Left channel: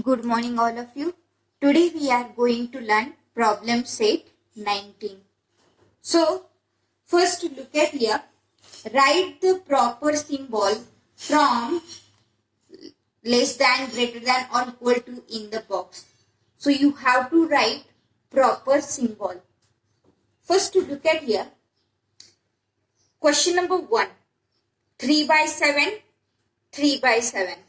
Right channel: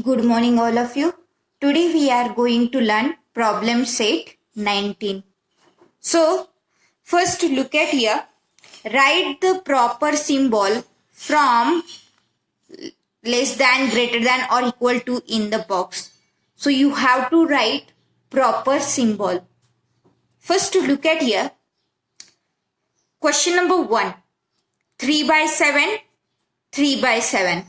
Good morning, all of you. Today we are going to learn problem set 19. So, first look at here. Write the proper symbol from less than, greater than, or equal to in the box. So, you have to write proper symbol. First, look at here. Question number 1. 3 by 7, 3 by 7.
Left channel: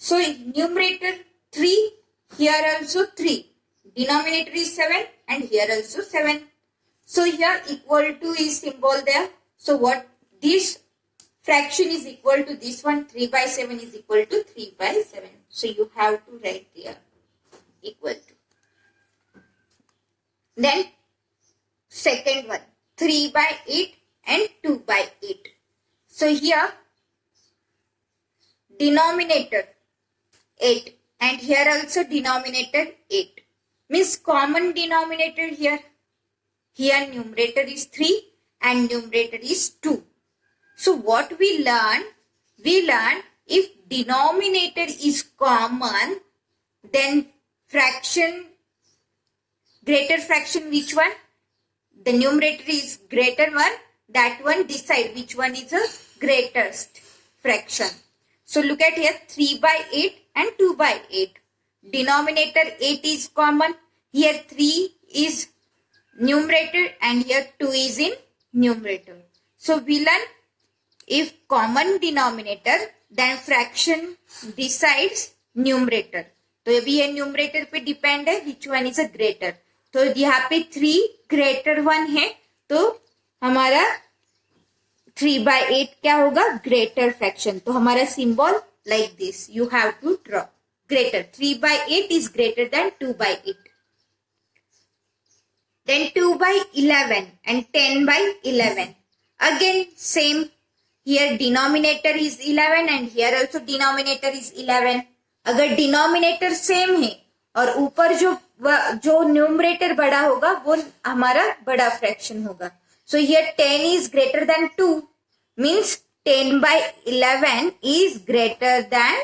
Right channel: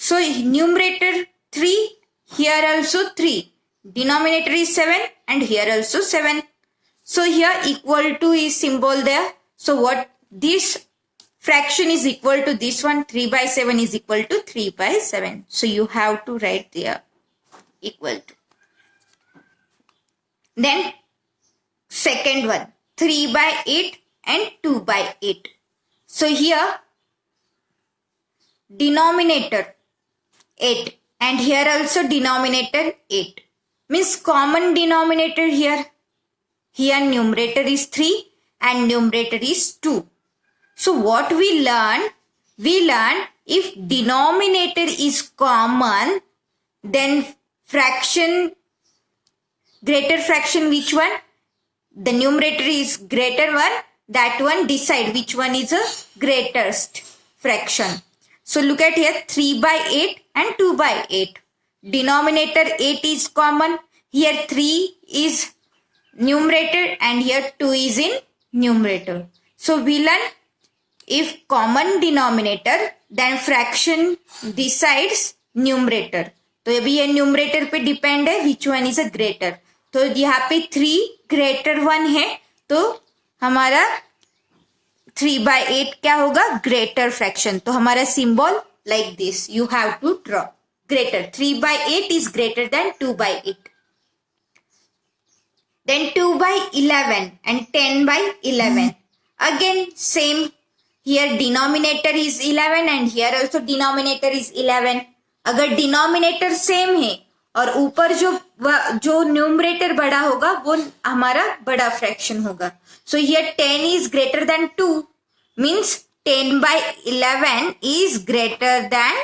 So numerator 3, here also 3. Denominator is 7 and here also 7. So here equal to is symbol there. So what this fraction is equal to this one, 3 by 7 is equal to 3 by 7. So you have to write there equal to. Then second one, 3 by 8 and 2 by 8. So here denominator 8 and here also denominator 8 means common denominator here numerator is 3 and numerator is 2. So what we learn if denominator is common, then fraction, greater fraction, which one, the numerator is greater one, that one decide which one is a greatest fraction. So look at here, 3 by 8 and 2 by 8. Denominator 8 is common. Here 3 is numerator and here 2 is in numerator. So we learn if common denominator, then fraction decides numerator. तो अभी ये numerator पे depend है which one is a greater. तो यहाँ पे 3 greater 1 है तो हमारा 3 by 8 क्या होगा, greater fraction. तो हमारा symbol like this you have to draw. Greater 3 by 8 is greater than 2 by 8. Then 2 by 11 and 10 by 11. Again same, here denominator is 11 and here also denominator is 11. अगर denominator same है और ऊपर जो numerator बड़ा होगा वो हमारा बड़ा fraction होगा. So here 10 is greater than 2 means 10 by 11 is greater than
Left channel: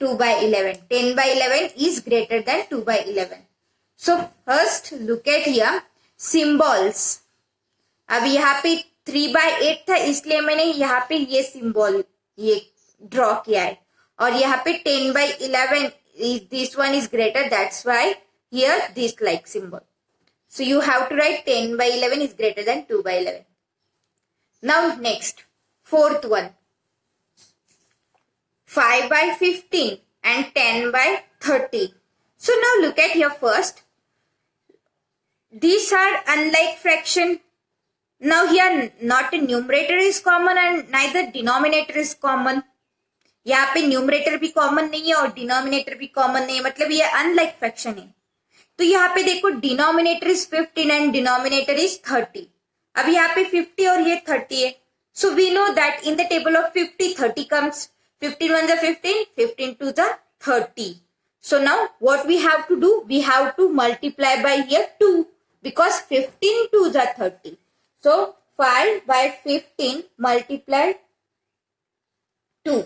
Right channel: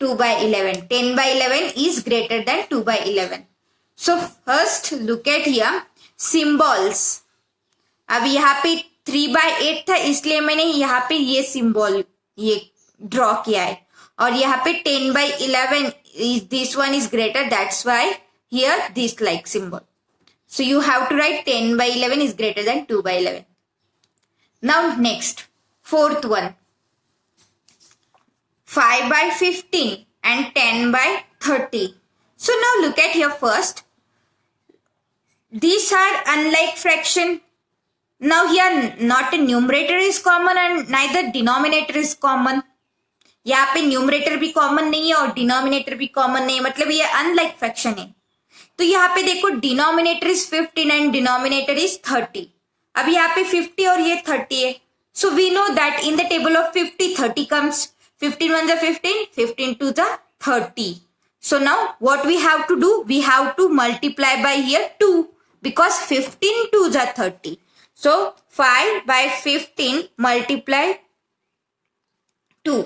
2 by 11. 10 by 11 is greater than 2 by 11. So first look at here symbols. अब यहाँ पे 3 by 8 था इसलिए मैंने यहाँ पे ये symbol ये draw किया है और यहाँ पे 10 by 11 is this one is greater, that's why here this like symbol. So you have to write 10 by 11 is greater than 2 by 11. Now next, fourth one. 5 by 15 and 10 by 30. So now look at here first. These are unlike fraction. Now here not a numerator is common and neither denominator is common. यहाँ पे numerator भी common नहीं है और denominator भी common नहीं है, मतलब ये अनलाइक फ्रैक्शन है. तो यहाँ पे देखो denominator is 15 and denominator is 30. अब यहाँ पे 50 और ये 30 है. So we know that in the table of 50 30 comes. 15 1 15, 15 2 30. So now what we have to do, we have to multiply by here 2 because 15 2 30. So 5 by 15 multiply 2.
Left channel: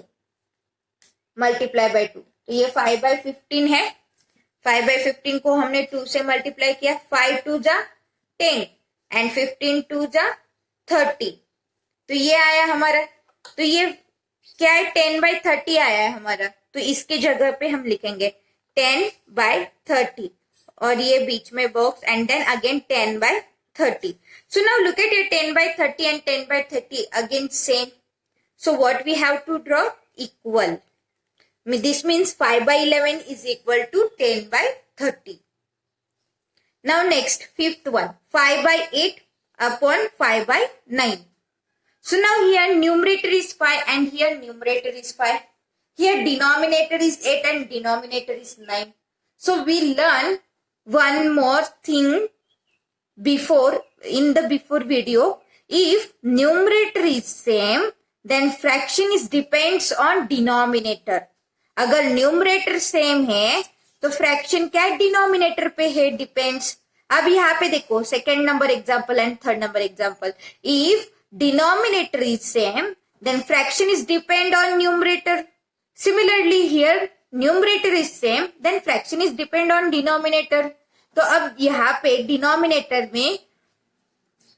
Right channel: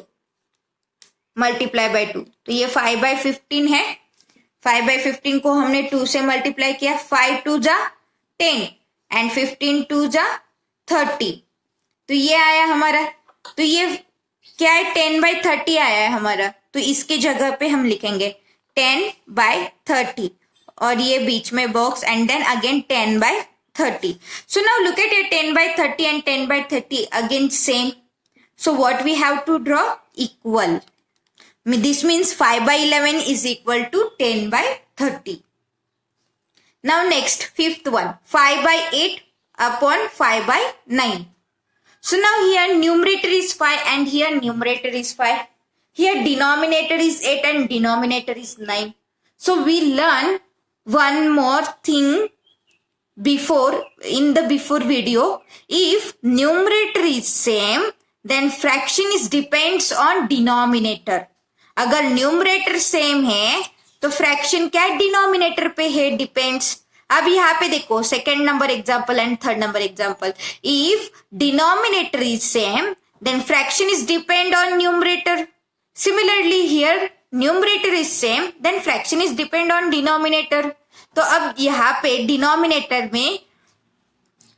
Multiply by 2. तो ये 5 by 15 है. 5 by 15 को हमने 2 से मल्टीप्लाई किया. 5 2 10 and 15 2 30. तो ये आया हमारा. तो ये क्या है, 10 by 30 आया है हमारा. तो इसके जगह पे हम लिखेंगे 10 by 30 और ये बीच में box and then again 10 by 30. So now look at it, 10 by 30 and 10 by 30 again same. So what we have to draw, equal. This means 5 by 11 is equal to 10 by 30. Now next, fifth one, 5 by 8 upon 5 by 9. So now here numerator is 5 and here numerator is 5. Here denominator is 8 and denominator is 9. So we learn one more thing in the before video. If numerator is same, then fraction is depends on denominator. अगर numerator same है तो fraction क्या है, denominator पे है, depends. अब यहाँ पे देखो second number example and third number example. If denominator is same then fraction is depend on numerator. Similarly here numerator is same then fraction is depend on denominator. तो अब यहाँ पे डिनोमिनेटर में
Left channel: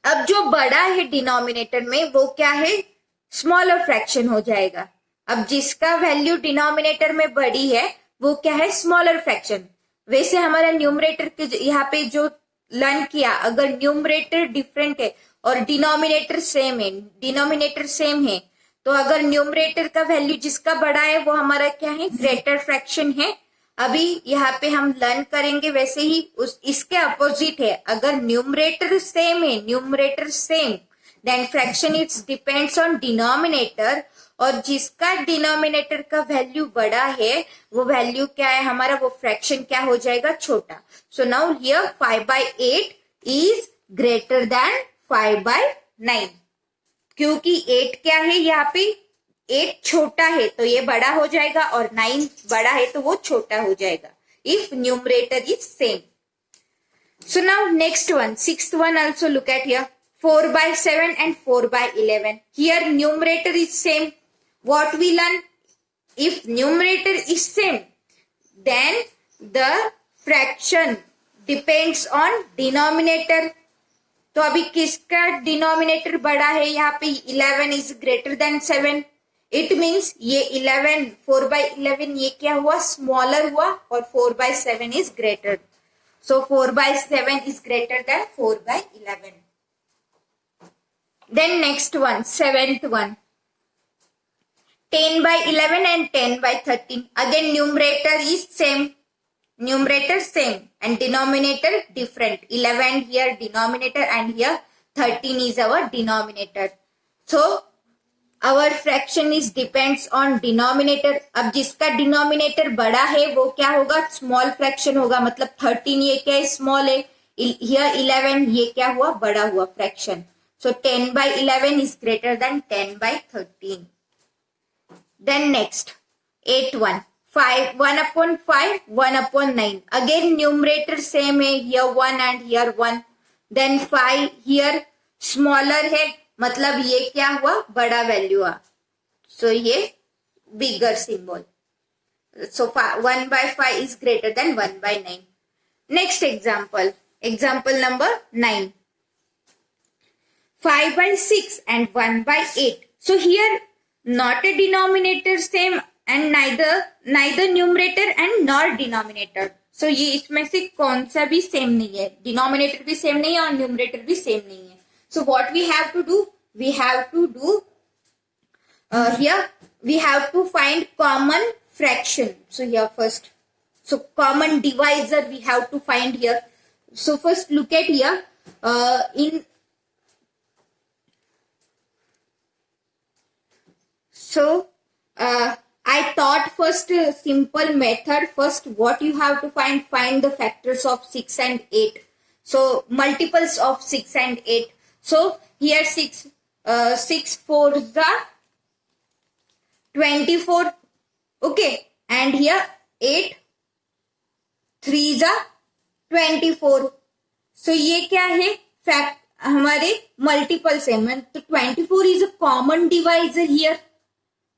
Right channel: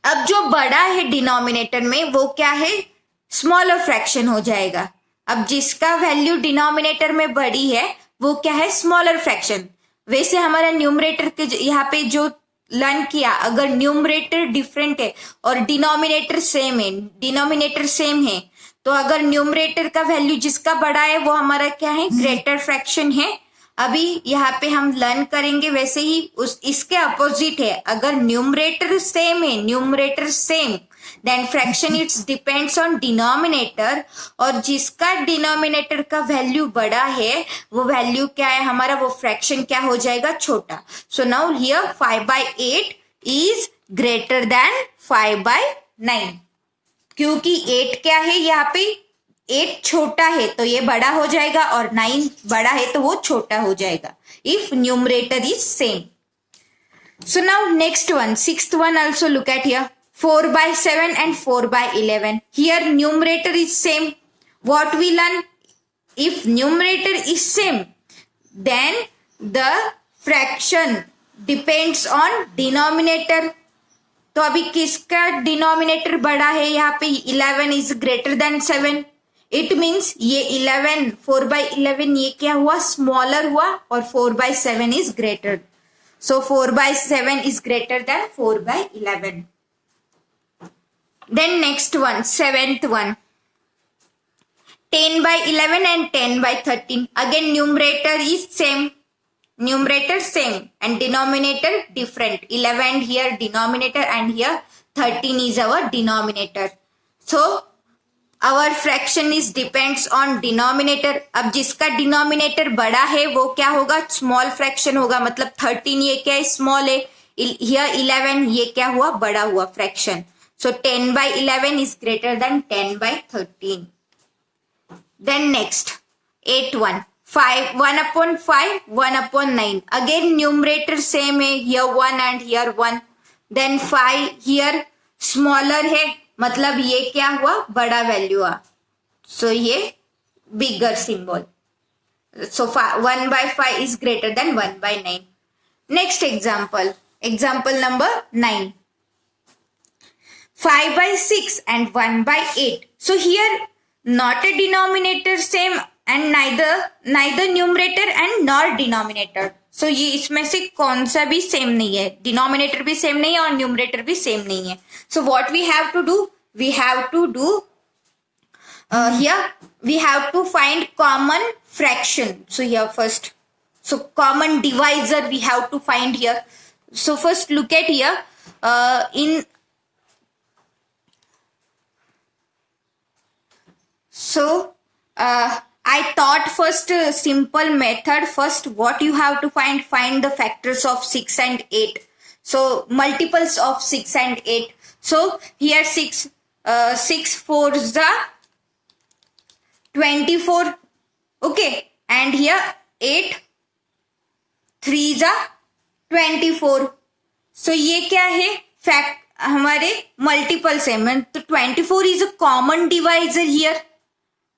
अब जो बड़ा है डिनोमिनेटर में वो क्या है, स्मॉलर फ्रैक्शन हो जाएगा। अब जिसका वैल्यू डिनोमिनेटर में बड़ी है वो क्या है, स्मॉलर फ्रैक्शन। वैसे हमारा न्यूमरेटर के यहाँ पे जो लर्न किया, अगर न्यूमरेटर डिफरेंट है और डिनोमिनेटर सेम है तो अगर न्यूमरेटर का वैल्यू जिसका बड़ा है वो हमारा क्या है, ग्रेटर फ्रैक्शन है। अभी यहाँ पे हम लर्न करेंगे वैसे ही इसके अपोजिट है, अगर numerator same then fraction it's depends on denominator, और जिसका डिनोमिनेटर का वैल्यू बड़ा है वो वैल्यू क्या है हमारा, वो फ्रैक्शन क्या हो जाएगा, छोटा। So now here 5/8 is greater than 5/9, क्योंकि 8 क्या है यहाँ पे, 8 छोटा है तो ये बड़ा हो जाएगा और 9 बड़ा है तो वो छोटा हो जाएगा if numerator is same. So now next one, sixth one also look at here, 4/7 and 4/11. Here numerator is same. What we learn? If numerator is same, then the fraction depends on denominator. तो अभी किसका denominator बड़ा है, यहाँ पे 11 is greater than 7. It means ये 11 4/11 ये क्या हुआ, स्मॉलर हुआ, और 4/7 is greater. So 4/7 is greater than 4/11. Then next one, seventh one, 10/11 and 10/13. Again numerator is same and denominator different. 11 here denominator and here 13 is our denominator. So our fraction is depends on denominator. अब जिसका denominator बड़ा है वो क्या होगा, small fraction होगा, मतलब 13 ये क्या है, small है, here 11 ये क्या हुआ, बड़ा हुआ fraction. So 10/11 is greater than 10/13. Then next 8 1, 1/5 1/9. Again numerator same है, here 1 and here 1. Then 5 here smaller है, मतलब ये क्या हुआ, बड़ा वैल्यू हुआ, so ये bigger symbol. So 1/5 is greater than 1/9. Next example number 9. 5/6 and 1/8. So here not a denominator same and neither numerator and nor denominator. So ये इसमें से कौन सा भी सेम नहीं है, डिनोमिनेटर भी सेम नहीं है और न्यूमरेटर भी सेम नहीं है. So what we have to do, here we have to find common fraction. So here first, so common divisor we have to find here. So first look at here, I thought first simple method. First what you have to find the factors of 6 and 8. So multiples of 6 and 8. So here 6 4s are 24. Okay, and here 8 3s are 24. So ये क्या है, fact हमारे multiples है, तो 24 is a common divisor here.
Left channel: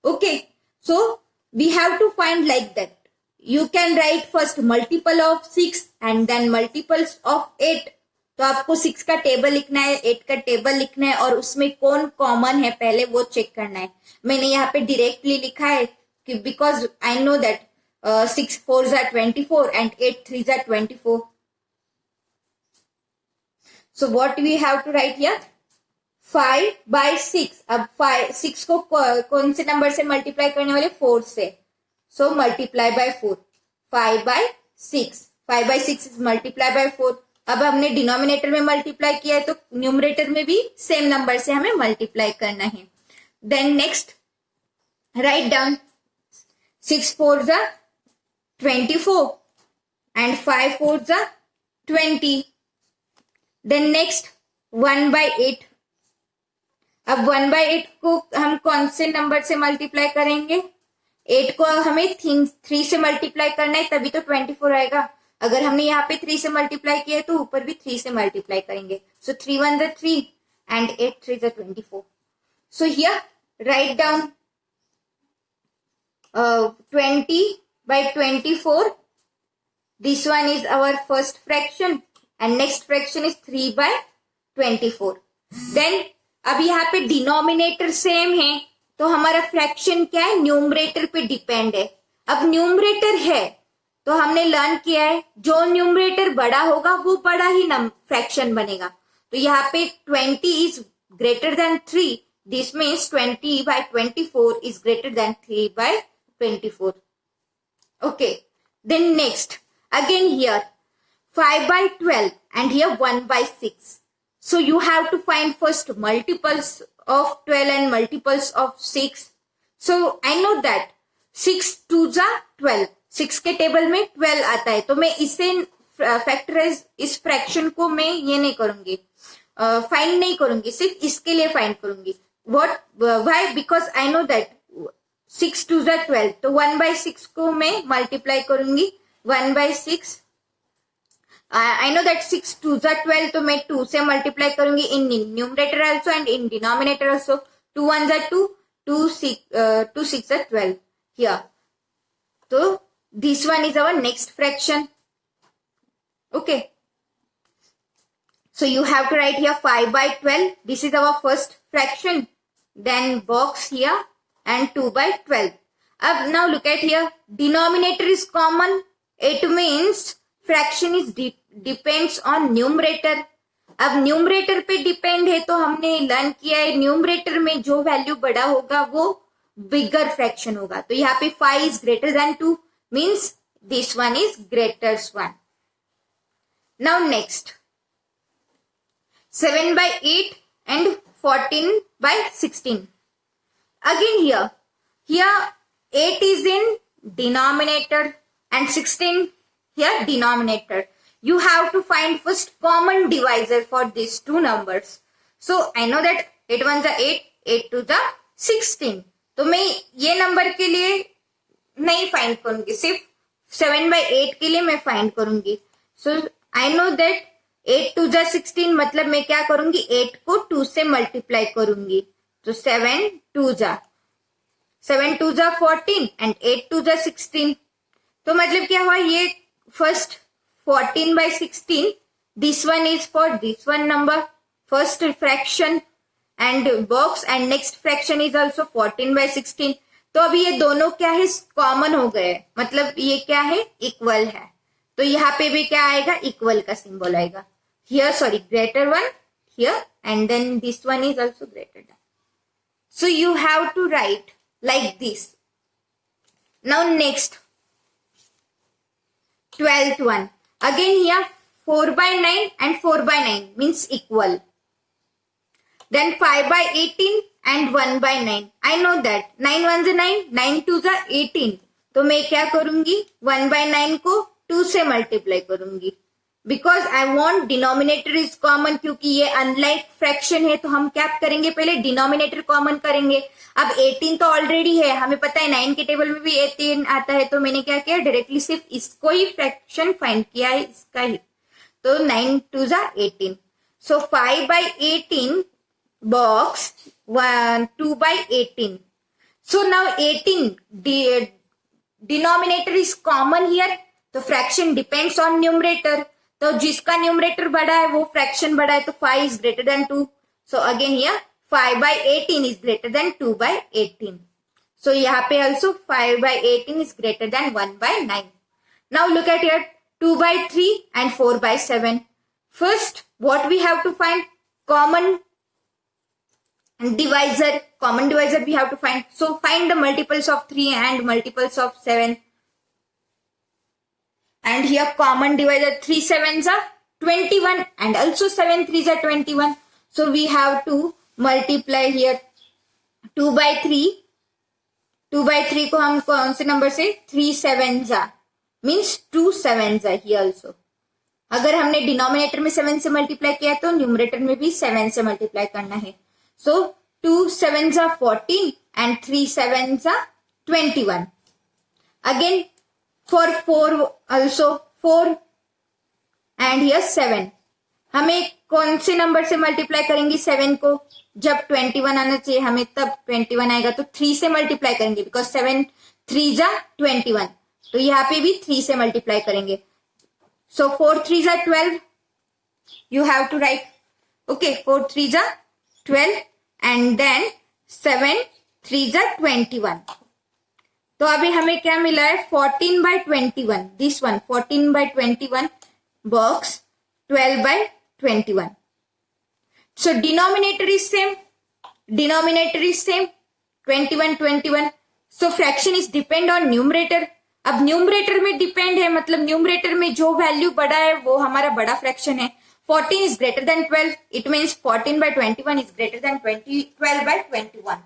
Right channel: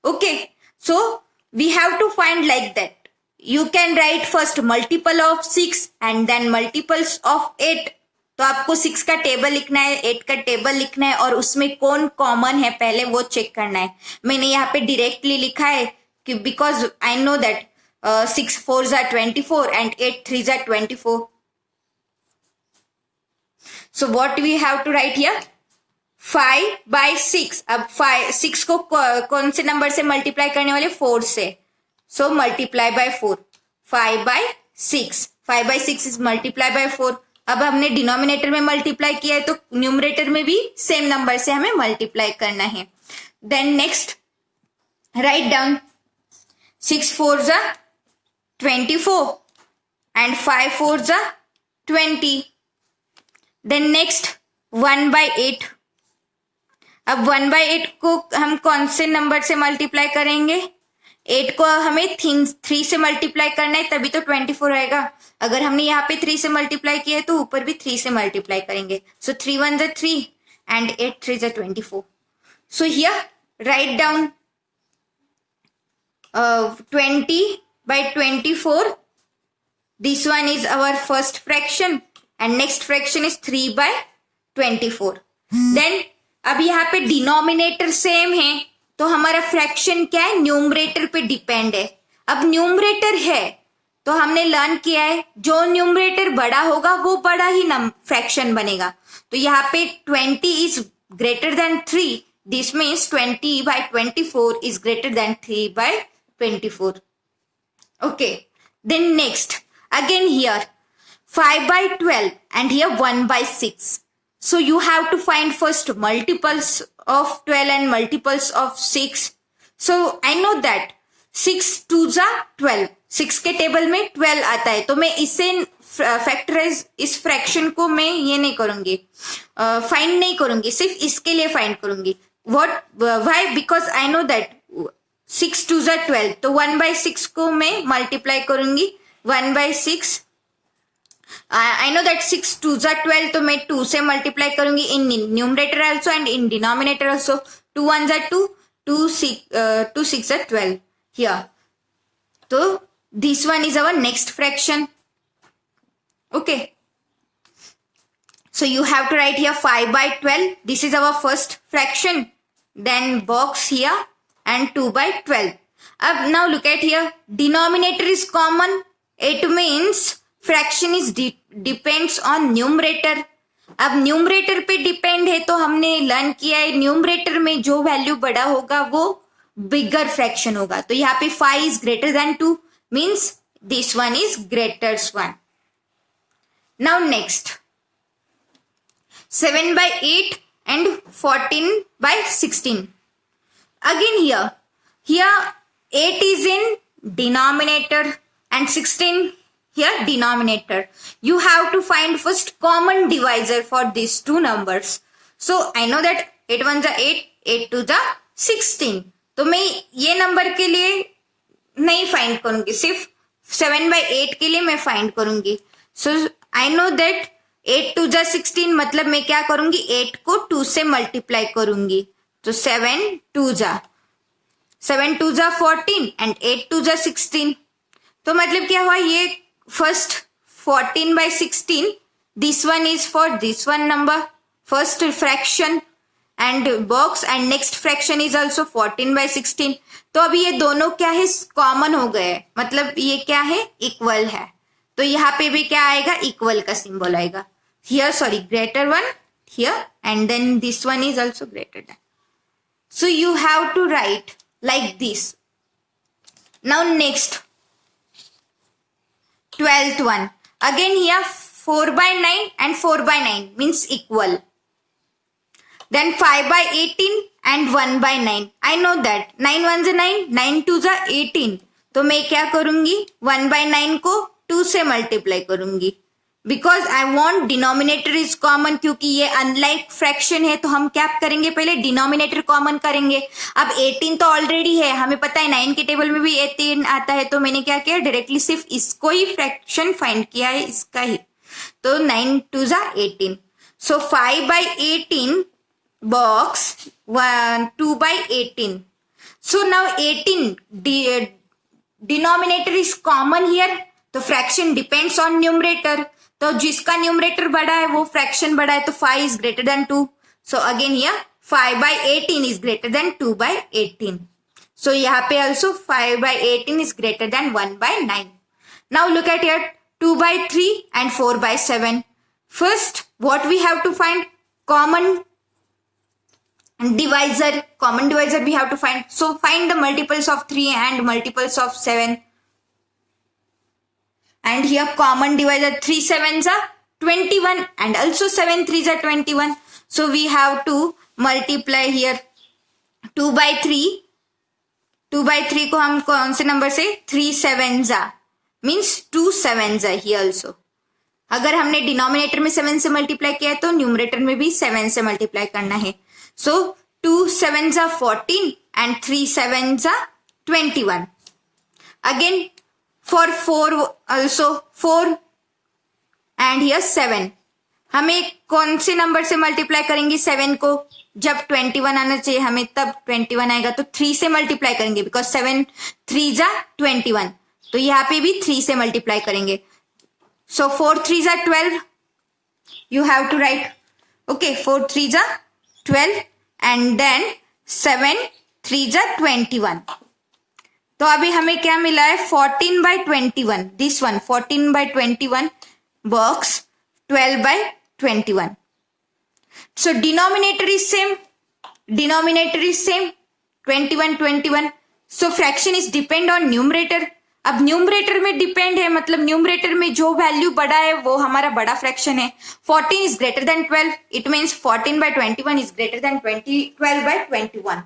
Okay, so we have to find like that. You can write first multiple of 6 and then multiples of 8. तो आपको 6 का table लिखना है, 8 का टेबल लिखना है, और उसमें कौन कॉमन है पहले वो चेक करना है. मैंने यहाँ पे डायरेक्टली लिखा है कि because I know that 6 4s are 24 and 8 3s are 24. So what we have to write here, 5/6. अब 6 को कौन से नंबर से मल्टीप्लाई करने वाले, 4 से. So multiply by 4. 5/6 is multiply by 4. अब हमने डिनोमिनेटर में मल्टीप्लाई किया है तो न्यूमरेटर में भी सेम नंबर से हमें मल्टीप्लाई करना है. Then next write down, 6 4s are 24 and 5 4s are 20. Then next 1/8. अब 1/8 को हम कौन से नंबर से मल्टीप्लाई करेंगे, 8 को हमें 3 से मल्टीप्लाई करना है तभी तो 24 आएगा. अगर हमने यहाँ पे 3 से मल्टीप्लाई किया है तो ऊपर भी 3 से मल्टीप्लाई करेंगे. सो 3 1s are 3 and 8 3s are 24. So here write down 20 by 24. This one is our first fraction and next fraction is 3 by 24. Then अब यहाँ पे डिनोमिनेटर सेम है तो हमारा फ्रैक्शन क्या है, न्यूमरेटर पे डिपेंड है. अब न्यूमरेटर है तो हमने लर्न किया है जो न्यूमरेटर बड़ा होगा वो बड़ा ही फ्रैक्शन बनेगा. तो यहाँ पे 20 is greater than 3. This means 20 by 24 is greater than 3 by 24. Okay. Then next, again here 5 by 12 and here 1 by 6. So you have to find first multiples of 12 and multiples of 6. So I know that 6 2s are 12. 6 के table में 12 आता है तो मैं इसे factorise, इस fraction को मैं ये नहीं करूंगी, फाइंड नहीं करूंगी, सिर्फ इसके लिए फाइंड करूंगी. What, why? Because I know that 6 2s are 12. तो 1 by 6 को मैं मल्टीप्लाई करूंगी 1 by 6. I know that 6 2s are 12 तो मैं 2 से मल्टीप्लाई करूंगी in numerator also and in denominator also. 2 1s are 2, 2 6 are 12 here. So this one is our next fraction. Okay. So you have to write here 5 by 12. This is our first fraction. Then box here and 2 by 12. Now look at here. Denominator is common. It means fraction is depends on numerator. अब numerator पे depend है तो हमने learn किया है numerator में जो value बड़ा होगा वो बिगर फ्रैक्शन होगा. तो यहाँ पे 5 is greater than 2 means this one is greater 1. Now next 7 by 8 and 14 by 16. Again here 8 is in denominator and 16 here denominator. You have to find first common divisor for these two numbers. So I know that 8 1s are 8, 8 2s are 16. तो मैं ये number के लिए नहीं find करूंगी, सिर्फ 7 by 8 के लिए मैं फाइंड करूंगी. So I know that 8 2s are 16 मतलब मैं क्या करूंगी 8 को 2 से मल्टीप्लाई करूंगी. तो 7 2s are 14 and 8 2s are 16. तो मतलब क्या हुआ, ये first 14 by 16, this one is for this one number first fraction and box and next fraction is also 14 by 16. तो अभी ये दोनों क्या है, कॉमन हो गए, मतलब ये क्या है, इक्वल है. तो यहाँ पे भी क्या आएगा, इक्वल का सिंबल आएगा. Here sorry greater one here and then this one is also greater than. So you have to write like this. Now next 12th one. Again here 4 by 9 and 4 by 9 means equal. Then 5 by 18 and 1 by 9. I know that 9 1s are 9, 9 2s are 18. तो मैं क्या करूंगी 1 by 9 को 2 से multiply करूंगी because I want denominator is common. क्योंकि ये unlike fraction है तो हम क्या करेंगे, पहले डिनोमिनेटर कॉमन करेंगे. अब 18 तो ऑलरेडी है, हमें पता है 9 के टेबल में भी 18 आता है. तो मैंने क्या किया, डायरेक्टली सिर्फ इसको ही फ्रैक्शन फाइंड किया है, इसका ही. तो 9 2s are 18. So 5 by 18 box 2 by 18. So now 18 denominator is common here. तो फ्रैक्शन डिपेंड्स ऑन न्यूमरेटर. तो जिसका न्यूमरेटर बड़ा है वो फ्रैक्शन बड़ा है. तो 5 is greater than 2. So again here 5 by 18 is greater than 2 by 18. So यहाँ पे also 5 by 18 is greater than 1 by 9. Now look at here 2 by 3 and 4 by 7. First what we have to find, common divisor. Common divisor we have to find. So find the multiples of 3 and multiples of 7. And here common divisor 3 7s are 21 and also 7 3s are 21. So we have to multiply here 2 by 3. 2 by 3 को हम कौन से number से, 3 7s are means 2 7s are here also. अगर हमने denominator में 7 से multiply किया है तो न्यूमरेटर में भी 7 से मल्टीप्लाई करना है. So 2 7s are 14 and 3 7s are 21. Again for 4 also 4 and here 7. हमें कौन से नंबर से मल्टीप्लाई करेंगे 7 को, जब 21 आना चाहिए हमें तब 21 आएगा. तो 3 से मल्टीप्लाई करेंगे बिकॉज 7 3s are 21. तो यहाँ पे भी 3 से मल्टीप्लाई करेंगे. So 4 3s are 12. You have to write. Okay, 4 3s are 12 and then 7 3s are 21. तो अभी हमें क्या मिला है 14/21. This one 14/21 works 12/21. So denominator is same. 21. So fraction is depend on numerator. अब न्यूमरेटर में डिपेंड है, मतलब न्यूमरेटर में जो वैल्यू बड़ा है वो हमारा बड़ा फ्रैक्शन है. 14 is greater than 12. It means 14/21 is greater than 12/21.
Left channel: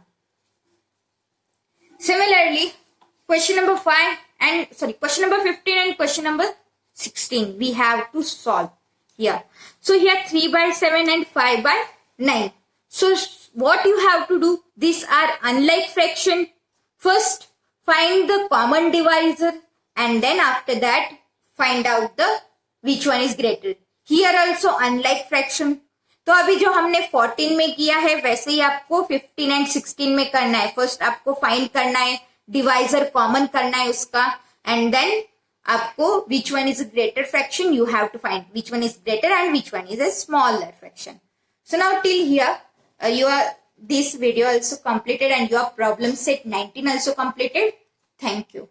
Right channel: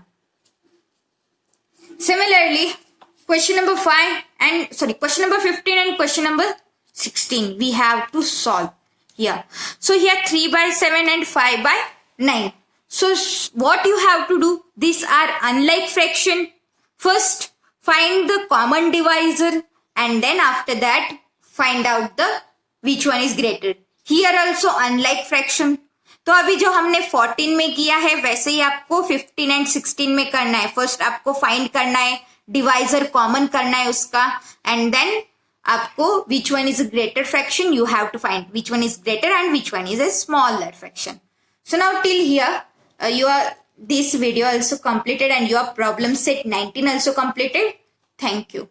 Similarly, question number 15 and question number 16 we have to solve here. So here 3/7 and 5/9. So what you have to do? These are unlike fraction. First, find the common divisor and then after that find out the which one is greater. Here also unlike fraction. तो अभी जो हमने 14 में किया है वैसे ही आपको 15 and 16 में करना है. फर्स्ट आपको फाइंड करना है, डिवाइजर कॉमन करना है उसका, एंड देन आपको which one is a greater fraction you have to find which one is greater and which one is a smaller fraction. So now till here your this video also completed and your problem set 19 also completed. Thank you.